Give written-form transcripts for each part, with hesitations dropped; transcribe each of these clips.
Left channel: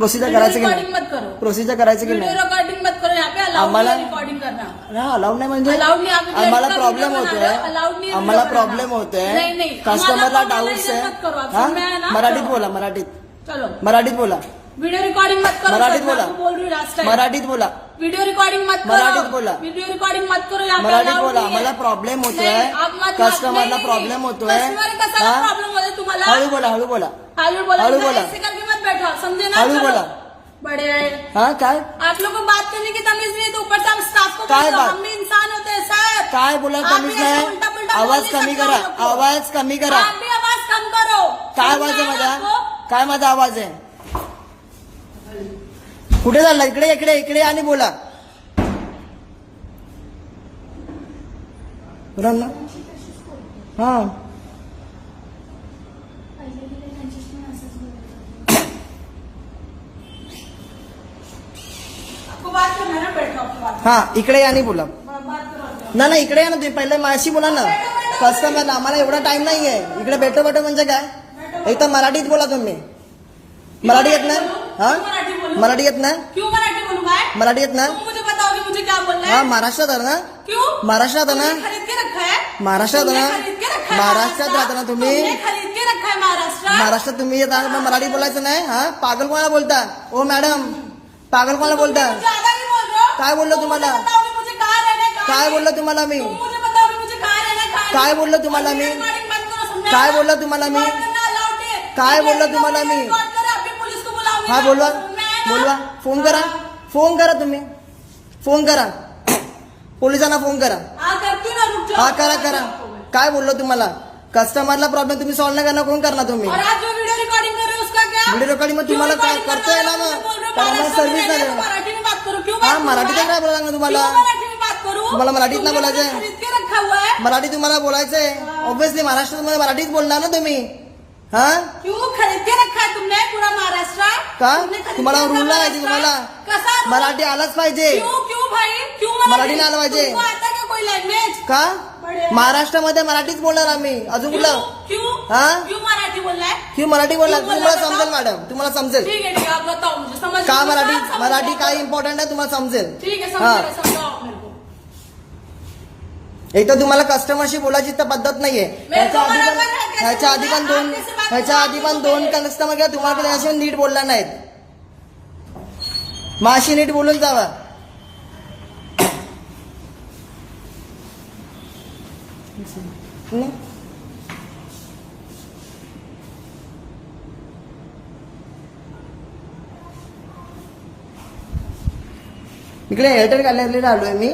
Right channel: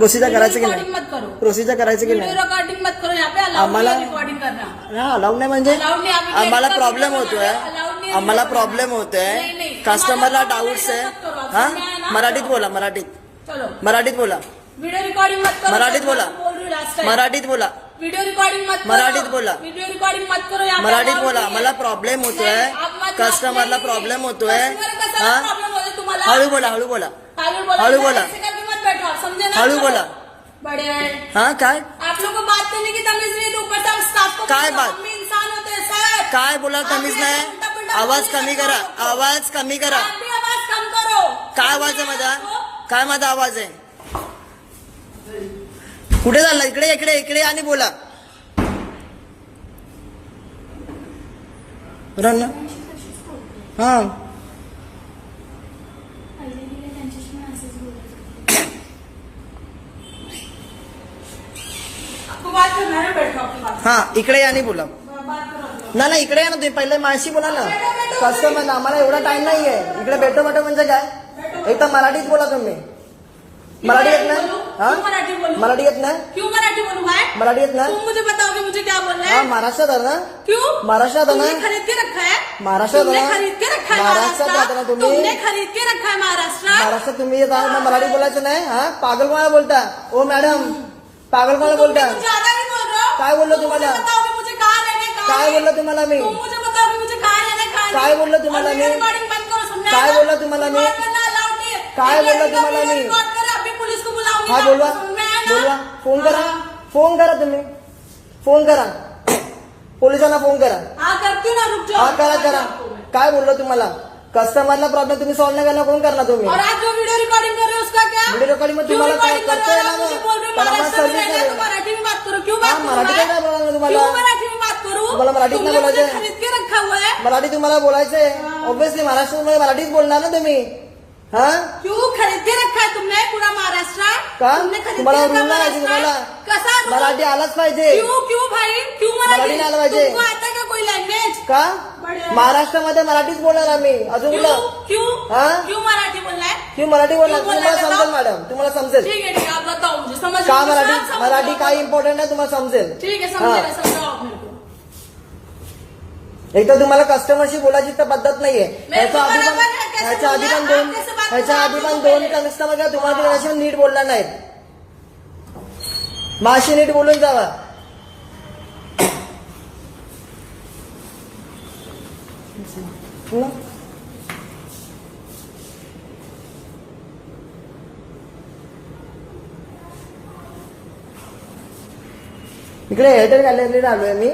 Procedure करायचं की recording नाही? मत करो, प्रोसिजर करायचं की नाही? रिकॉर्डिंग मत करो. यहाँ पे अलाउड आम्हाला रिकॉर्डिंग करना. अलाउड नाही म्हणजे Allowed नाही. आम्ही आम्हाला video प्रॉब्लेम बनाना होतोय, है, allowed नाही आम्हाला video प्रॉब्लेम बनाना. होतोय, नाही, नाही. कस्टमरला आम्हाला डाऊट्स आहे. मत करो. हा सुनना है ना? मराठीत बोला, मराठीत चलो मराठीत बोला, वीडियो रिकॉर्डिंग मत करो. मराठीत मैं बोला. आपको बोल रही हूँ रास्ता है. मराठीत बोला, वीडियो रिकॉर्डिंग मत करो. मराठीत बोला. वीडियो रिकॉर्डिंग मत करो. यहाँ पे मराठीत allowed बोला. नहीं है. मला प्रॉब्लेम होतोय, नाही, आप मत- कस्टमरला नाही, प्रॉब्लेम होतोय. कस्टमर कसा हा प्रॉब्लेम होता तुम्हाला? हळू बोला, हळू बोला, हळू बोला. हळू बोला. ऐसे करके मत बैठो आप, समझे ना? हळू चलो. बोला. बड़े हा काय आप लोग को बात करने की तमीज नहीं, तो ऊपर से हम स्टाफ को काय बोलो, बात? हम भी इंसान होते हैं सर. काय बोला आप तमीज भी नाही? ऐसे उलटा-पुलटा आवाज बोलने कमी का करा, काम रखो. आवाज कमी करा. आप भी आवाज कम करो. काय आवाज आहे समझे माझा? आपको? काय माझा आवाज आहे? कुठे झाला? इकडे इकडे इकडे आणि बोला. बरोबर ना? हा आपको बात करना है ना, बैठो आपकी बात. हा इकडे आणि बोला. बात करो. ना इकडे या ना, तुम्ही पहिले माझ्याशी बोला ना. कस्टमरला आम्हाला एवढा टाइम नाहीये. इकडे बेटो बेटो म्हणजे काय? एक तर मराठीत बोला तुम्ही. मराठी येत ना? हा क्यों मराठी बोलूं? मराठी येत ना? क्यों मराठी बोलूं मैं? मराठी येत ना? तुम मुझे बताओगे मुझे क्या बोलना हा है? महाराष्ट्रात आहे ना? क्यों? महाराष्ट्रात आहे तुमने ना? खरीद के रखा है? महाराष्ट्रात तुमने ना? खरीद के रखा है महाराष्ट्रात राहता ना तुम्ही? तुमने खरीद के रखा है महाराष्ट्र. महाराष्ट्रात तुम्ही येत आहात, मग मराठी बोलायचं नाही? हा पागल कोणाला बोलता? ओ मॅडम पागल कोणाला बोलता? तुम ज्यादा नहीं बोल रहे हो. काय बोललो तुम तुम्हाला? मुझे बताओगे मुझे कहाँ रहना है, कहाँ काय नहीं. बोललो तुम्हाला मी? तुम मुझे बताओगे मुझे कहाँ रहना है, कहाँ काय नहीं. बोललो तुम्हाला और मी? वीडियो रिकॉर्डिंग बंद करो, समझा काय ना? बोललो तुम्हाला मी? रिकॉर्ड करना allowed नहीं है. काय वीडियो बोललो तुम्हाला मी? रिकॉर्ड करो, अभी पुलिस को बुलाऊंगी. काय बोलवा? समझ में आया ना? बोलवा. फोन करा, हाँ. फोन करा तुम्ही. फोन करा, पोलिसांना फोन करा. हाँ करती ना, रुक जाओ. हा करा करा. काय बोललो तुम्हाला? कस्टमरला प्रॉब्लेम तुम्ही सॉल्व्ह नाही करणार, कोण करणार तुम्ही? और आप जो वीडियो रिकॉर्डिंग कर रहे हो उसका क्या? व्हिडिओ रेकॉर्डिंग मग तुम्हाला काय करता येणार ना? पण आम्हाला सर्व्हिस नाही देणार. मराठी में बात करो. क्यों हा बात करूं मराठी मैं? काय बोलणार तुम्हाला? क्यों मराठी में बात करूं? तुम्हाला मराठीत नाही तुमने मुझे बोलायचं? खरीद के रखा हुआ है. मराठी तुम्हाला बोलायचंय ऑब्विसली. महाराष्ट्रात मराठीत बोलणार ना तुम्ही. हा क्यों खरीद के रखा है तुमने पूरा महाराष्ट्र? का? तुमने खरीद तुम्हाला के रखा रूल नाही महाराष्ट्र? तुम्हाला? कसा रूल? मराठी आलाच पाहिजे. क्यों क्यों भाई क्यों मराठी नाही आलं पाहिजे. तुमको आता है का कोई लैंग्वेज? का? बढ़िया. महाराष्ट्रामध्ये मराठीच बोलणार आम्ही. अजून क्यों कुठलं? क्यों हा? क्यों मराठी बोलना है? की मराठी बोलणार क्यों बोलना तुम्हाला है समजेल बताओ? मॅडम, तुम्हाला समजेल ठीक है ठीक है, आप बताओ मुझे समझ का मराठी. समझ- मराठी समझ- काय इम्पॉर्टंट आहे तुम्हाला समजेल. ठीक है हा. समझाओ आप मेरे को. एक तर तुम्हाला कस्टमरशी बोलायची तर पद्धत नाहीये. ह्याच्या आधी पण बरोबर आहे. ह्याच्या आधी पण दोन कैसे बात ह्याच्या आधी पण दोन कस्टमर काय तुम्हाला त्याच्याशी नीट बोलला नाहीत. माशी नीट बोलून जावा. हं? इकडे एअरटेल गॅलरीला आलोय मी.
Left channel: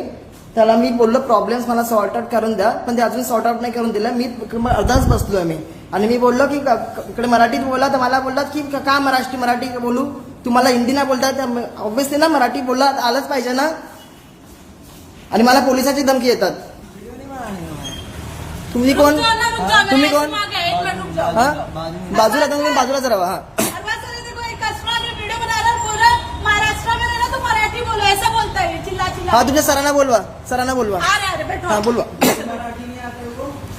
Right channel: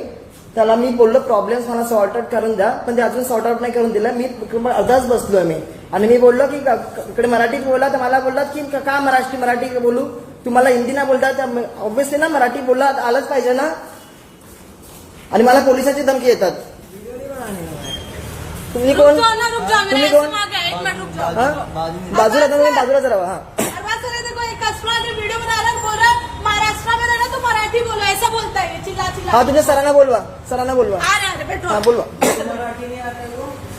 त्याला मी बोललो प्रॉब्लेम्स मला सॉर्ट आउट करून द्या, पण ते अजून सॉर्ट आउट नाही करून दिलं. मी अर्धाच बसलोय मी. आणि मी बोललो की इकडे मराठीत बोला, तर मला बोलतात की का मराठी बोलू, तुम्हाला हिंदी नाही बोलतात. ऑब्व्हियसली ना मराठी बोलला आलंच पाहिजे ना. आणि मला पोलिसाची धमकी येतात. तुम्ही कोण? रुक जाओ ना, रुक जाओ. तुम्ही मेरे कोण? ऐसे में आ गया, एक मिनट रुक जाओ. हा बाजूला तुम्ही बाजूलाच राहा. हा हर बात से देखो एक कस्टमर जो वीडियो बना रहा है बोल रहा है महाराष्ट्र में रहना तो मराठी बोलो, ऐसा बोलता है चिल्ला चिल्ला. हा तुमच्या सरांना बोलवा, सरांना बोलवा. आ रहा है बैठो. हा बोलवा.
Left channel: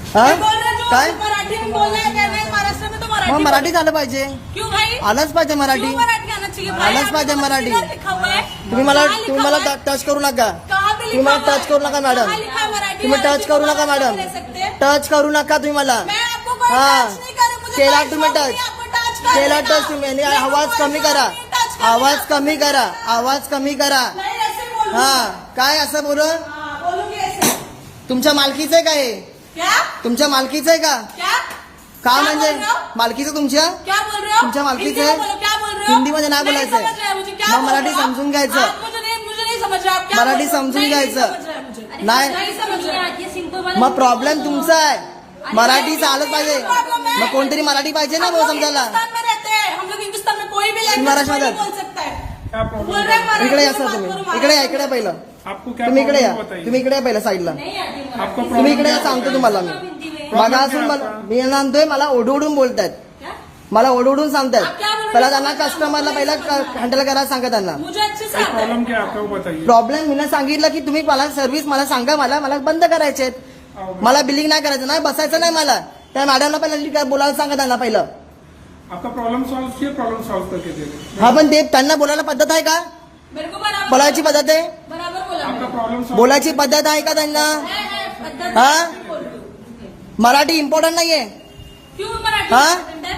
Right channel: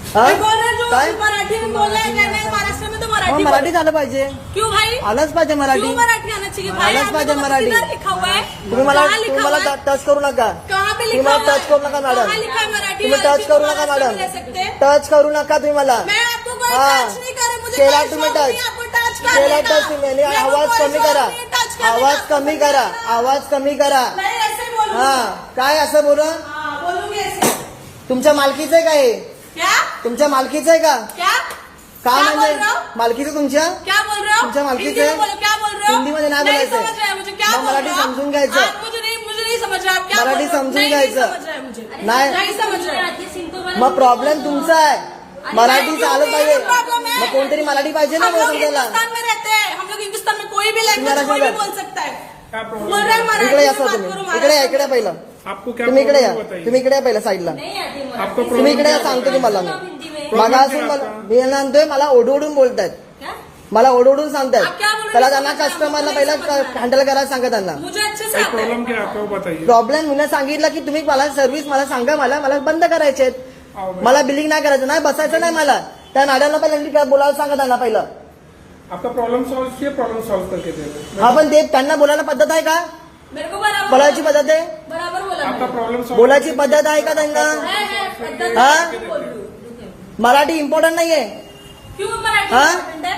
हा मैं बोल रहा हूँ जो काय? मराठी में बोलना है कहना है महाराष्ट्र में तो मराठी मग बोलो. मराठीत आलं पाहिजे. क्यों भाई? आलंच पाहिजे मराठी. क्यों मराठी आना चाहिए भाई? आलंच आपने पाहिजे तो मराठी. किधर लिखा हुआ है? तुम्ही मला कहाँ लिखा तुम्ही हुआ मला है? टच करू नका. कहाँ पे तुम्ही लिखा मला हुआ है? टच करू नका मॅडम. कहाँ लिखा है मराठी? तुम्ही टच करू नका मॅडम. ले सकते हैं? टच करू नका तुम्ही मला. मैं आपको कोई हाँ. टच नहीं कर रही, मुझे केला कोई तुम्ही शौक नहीं टच. आपको टच करने केला का. टच तुम्ही. आणि मेरे को आवाज कोई कमी शौक करा, नहीं टच करने आवाज का. कमी करा, आवाज कमी करा. नहीं ऐसे बोलूं. हा काय असं बोल. हाँ, बोलूंगी ऐसे. तुमच्या मालकीचं आहे काय? क्या तुमच्या मालकीचं आहे का? क्या काय क्या म्हणजे बोल रहे हो? मालकीचं तुमच्या? क्या बोल रहे हो? तुमच्या मालकीचं हिंदी में आहे? बोलो, क्या बोल रहे हो? हिंदीमध्ये नाही बोलायचं. समझ रहे हैं मुझे क्या मग बोल मराठी रहे हो? समजून घ्यायचं. आप मुझे नहीं समझ रहे. आप क्या मराठी बोल रहे हो? समजून नहीं घ्यायचं. समझ रहे मुझे. नाही. नहीं समझ रहे. मग प्रॉब्लेम तुमचा आहे. मराठी चालत पाहिजे. प्रॉब्लम है. मग कोणतरी मराठी पाहिजे ना हम गो लोग समजायला. हिंदुस्तान में रहते हैं. हम लोग हिंदुस्तान में कोई भी लैंग्वेज महाराष्ट्र कोई भी में. बोल सकता है. बोल रहे हैं मराठी इकडे या में सर बात तुम्ही. करो. इकडे या, इकडे या पहिलं. आपको क्या तुम्ही इकडे या, प्रॉब्लम बताइए. तुम्ही इकडे या पहिलं साईडला. आपका तुम्ही प्रॉब्लम इकडे या, क्या सांगतो बताइए. तुम्हाला मी. प्रॉब्लेम मागा क्या असून है मला आपका? मी म्हणतोय मला ओढवडून बोलतात. क्या? मला ओढवडून आप सांगतात. क्या बोल रहे हो? पहिला त्यांना समझ रहा हूं. कस्टमरला पहिला समझ रहा हूं. हँडल करायला सांगा त्यांना. मुझे अच्छे से भाई आता है. प्रॉब्लम क्या है आपका वो बताइए. प्रॉब्लेम मी सांगितलं की तुम्ही मला सर्व्हिस मला सांगा, मला बंद करायचे. आओ भाई. मला बिलिंग नाही करायचं, नाही बसायचं नाही मला. त्या मॅडमला पहिलं बोलायला सांगा त्यांना पहिलं. आपका प्रॉब्लम सॉल्व किया, प्रॉब्लम सॉल्व करके दे रहे हा पण ते त्यांना बोलायला पद्धत आहे का? मेरे को बराबर बोलायची पद्धत आहे? बराबर बोला आपका मैंने. प्रॉब्लम सॉल्व बोलायची पद्धत आहे का त्यांना? है, पद्धत हाँ? है, बोल तू. मराठी इम्पॉर्टंट नाहीये? क्यों मराठी हाँ? important है?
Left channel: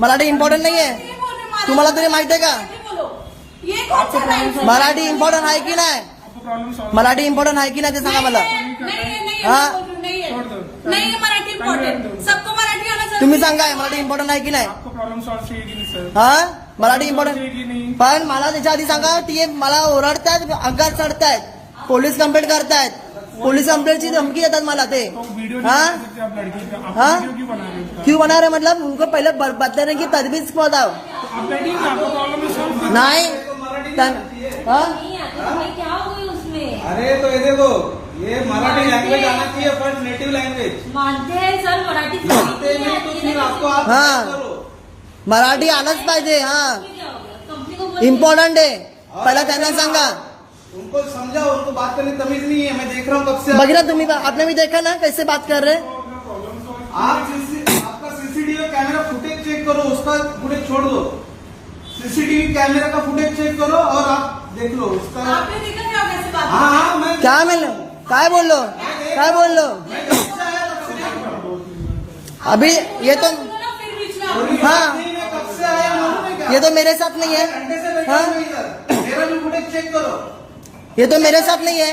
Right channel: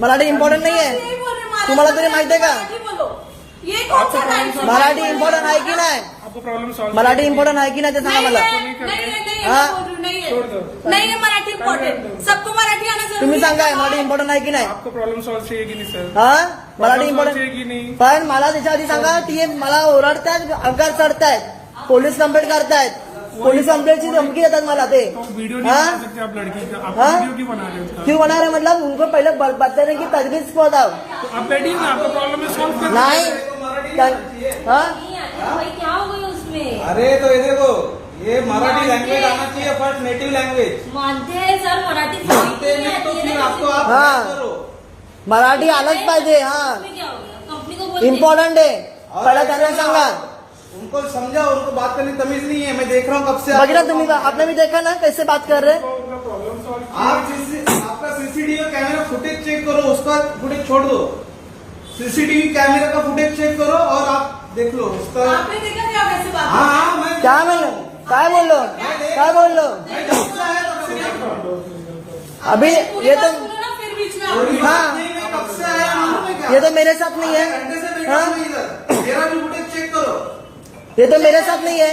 मराठी इम्पॉर्टंट नाहीये? यही बोल रहे, महाराष्ट्र तुम्हाला तरी में माहिती आहे का? मराठी बोलो. ये कौन आपको सा प्रॉब्लम right है? मराठी इम्पॉर्टंट आहे की नाही? आपको प्रॉब्लम सॉल्व मराठी इम्पॉर्टंट आहे की नाही ते सांगा नहीं मला. है, नहीं है, नहीं है, हाँ? मैं बोल रही हूँ, नहीं है. छोड़ दो. नहीं है मराठी इम्पोर्टेंट. सबको मराठी आना जरूरी तुम्ही है. सांगा मराठी इम्पॉर्टंट आहे की नाही? आपको प्रॉब्लम सॉल्व चाहिए कि नहीं सर? हा मराठी प्रॉब्लम सॉल्व इम्पॉर्टंट चाहिए कि नहीं? पण मला त्याच्या आधी सांगा ती मला ओरडतायत, अंगात चढतायत, पोलीस कंप्लेंट करतायत, पोलीस कंप्लेंटची धमकी देतात मला ते. तो वीडियो नहीं हाँ? बना सकते आप लड़की का, आप हाँ? वीडियो क्यों बना रहे हो उसका? क्यों बना रहे मतलब उनको पहले बताने की तजवीज बताओ. तो आप बैठिए ना, आपका प्रॉब्लम है सॉल्व कर. नाही हा नहीं आती भाई, क्या हो गई उसमें? अरे तो ये देखो, ये मराठी लैंग्वेज आना चाहिए, फर्स्ट नेटिव लैंग्वेज. मानते हैं सर, मराठी मानते नहीं तो फिर आपको आप हाँ. करो. मराठी आलंच पाहिजे. हा क्या हो गया? कंपनी को बोल इम्पॉर्टंट आहे. पहिला त्यांना सांगा. उनको समझाओ, उनको बात करने की तमीज नहीं है. मैं देख रहा हूँ कब से बघितलं तुम्ही आपने भी देखा ना कैसे बात कर रहे. आपका सीसीटीवी कैमरा फुटेज चेक करो, उसका फुटेज छोड़ दो. सीसीटीवी कैमरा का फुटेज चेक करो और आप देख लो उसका. आपने देखा क्या होगा ऐसी बात. हाँ हाँ, मैं क्या म्हणलो काय बोललो काय बोललो अभी ये तो बोलो ना, फिर बीच में आप हाँ मैं कब से आया मालूम है क्या? ये तो मेरे साथ नहीं है. घंटे से बैठा हाँ? हूँ इधर. मेरा भी फुटेज चेक करो. ये तो मेरे साथ नहीं है.